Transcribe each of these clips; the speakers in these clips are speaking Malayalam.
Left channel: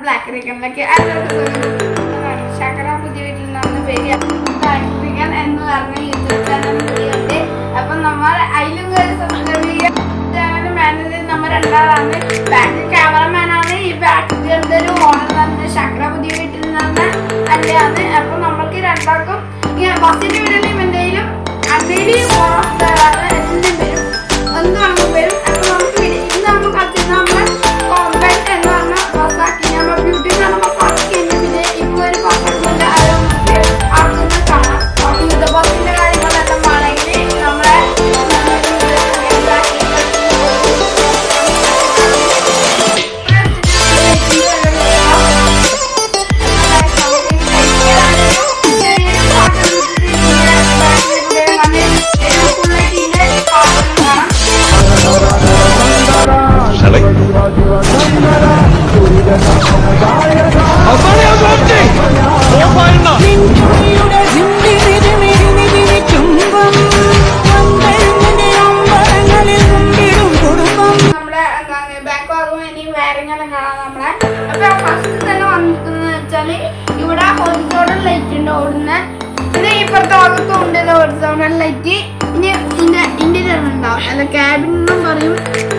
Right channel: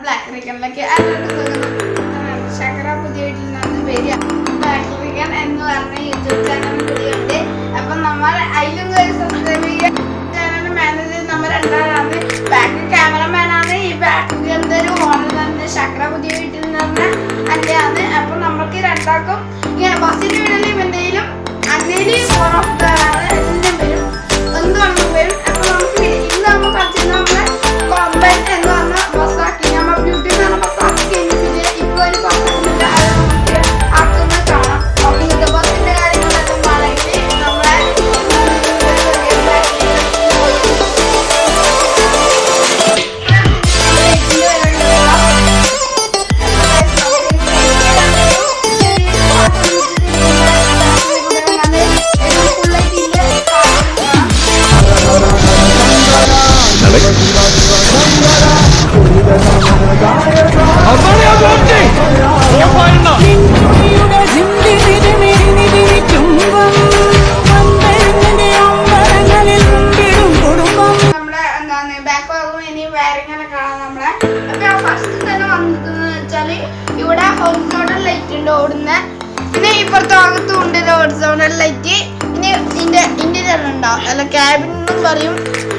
ബ്ലാക്ക് റിക്കണിലേക്ക് ശങ്കര പുതിയ വീട്ടിൽ നിന്ന് വരിക. ബ്ലാക്ക് റിക്കൺ എന്ന് പറഞ്ഞ യൂട്യൂബ് ചാനൽ കൂടിയുണ്ട്. അപ്പം നമ്മൾ അതിലും കയറി സബ്സ്ക്രൈബ് ചെയ്യുക. ചാനൽ മാനേജർ നമ്മൾ രണ്ടാളാണ്. ബാക്ക് ക്യാമറമാനാണ് ഈ ബാക്ക് റിക്കണിൻ്റെ ഒരു ഓണർ തന്നെ ശങ്കര പുതിയ വീട്ടിൽ നിന്ന് അല്ലയാണ്. അപ്പം നമ്മൾക്ക് രണ്ടാൾക്കും ഇങ്ങനെ ബസ്സിൻ്റെ വീട്ടിലും എന്തെങ്കിലും അന്നേലും ഓൺ ഓഫ് ആണ് എല്ലാം വരും, എന്തുവാണെന്ന് വരും. അപ്പം നമുക്ക് ഇന്ന് നമ്മൾ കളിച്ചിരുന്ന നമ്മളെ കോമ്പറ്റ് എന്ന് പറഞ്ഞ ബസ്സാക്കി നമ്മൾ ബ്യൂട്ടി എന്ന് പറഞ്ഞ ബസ്സാക്കി കഴിഞ്ഞു. പിന്നെ ഇപ്പോൾ ഒരു ബസ്സാക്കുന്നുണ്ട്, അത് നമുക്ക് ആക്കുന്നത് കാണാം. അപ്പോൾ ഇത് ബസ്സിൻ്റെ കാര്യങ്ങളെല്ലാം ആണെങ്കിൽ നമ്മളെ ഇവിടെ ഹൊറിസോണ്ടൽ ലൈറ്റ് ഉണ്ട് ഓടുന്ന. പിന്നെ ഇപ്പുറത്തെ ഭാഗത്തും ഉണ്ട് ഹൊറിസോണ്ടൽ ലൈറ്റ്. ഇനി ഇന്ത്യൻ ഉണ്ടാവും, അല്ല ക്യാബിൻ എന്നും പറയും.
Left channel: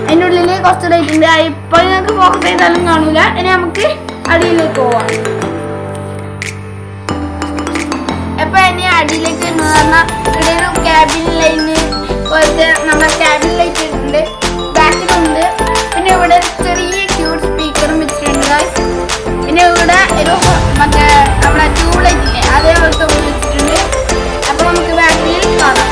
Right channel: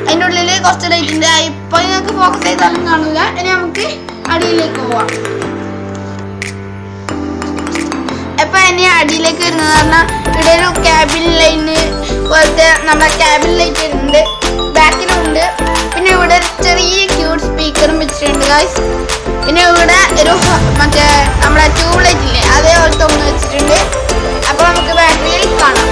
അതിൻ്റെ ഉള്ളിൽ കുറച്ച് ലൈറ്റ് ഉണ്ട്. ഇപ്പൊ നിങ്ങൾക്ക് ഫോക്കസ് ചെയ്താലും കാണൂല. ഇനി നമുക്ക് അടിയിലേക്ക് പോവാം. അപ്പൊ ഇനി അടിയിലേക്ക് വരുന്നത് പറഞ്ഞാൽ ഇവിടെ ഒരു ക്യാബിൻ ലൈന് പോലത്തെ നമ്മളെ ക്യാബിൻ ലൈറ്റ് ഉണ്ട്, ബാക്കിലുണ്ട്. പിന്നെ ഇവിടെ ചെറിയ ക്യൂട്ട് സ്പീക്കറും വെച്ചിട്ടുണ്ട് ഗൈസ്. പിന്നെ ഇവിടെ ഒരു മറ്റേ നമ്മുടെ ട്യൂബ് ലൈറ്റ് ഇല്ലേ, അതേപോലത്തെ ഉള്ളിൽ വെച്ചിട്ടുണ്ട്. അപ്പോൾ നമുക്ക് ബാറ്ററിയിൽ കാണാം.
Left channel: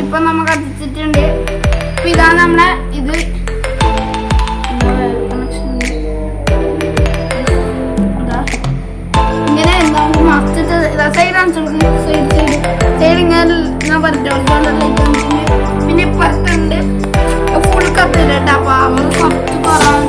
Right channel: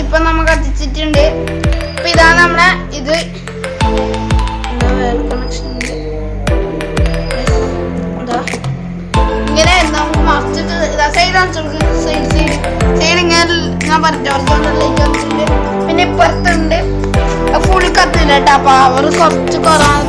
ഇപ്പൊ നമ്മ കത്തിച്ചിട്ടുണ്ട്. അപ്പൊ ഇതാണ് നമ്മളെ ഇത് ഇങ്ങനെ നമുക്ക് മറിച്ചിട്ട് സൈഡ് ഇങ്ങനെ ഞാൻ പറഞ്ഞിട്ടുണ്ട്. പിന്നെ ഇപ്പുറത്തുണ്ട് ഫുൾ കത്തില്ല കേട്ടോ, പവർ കുറച്ച് കുറവാണ്.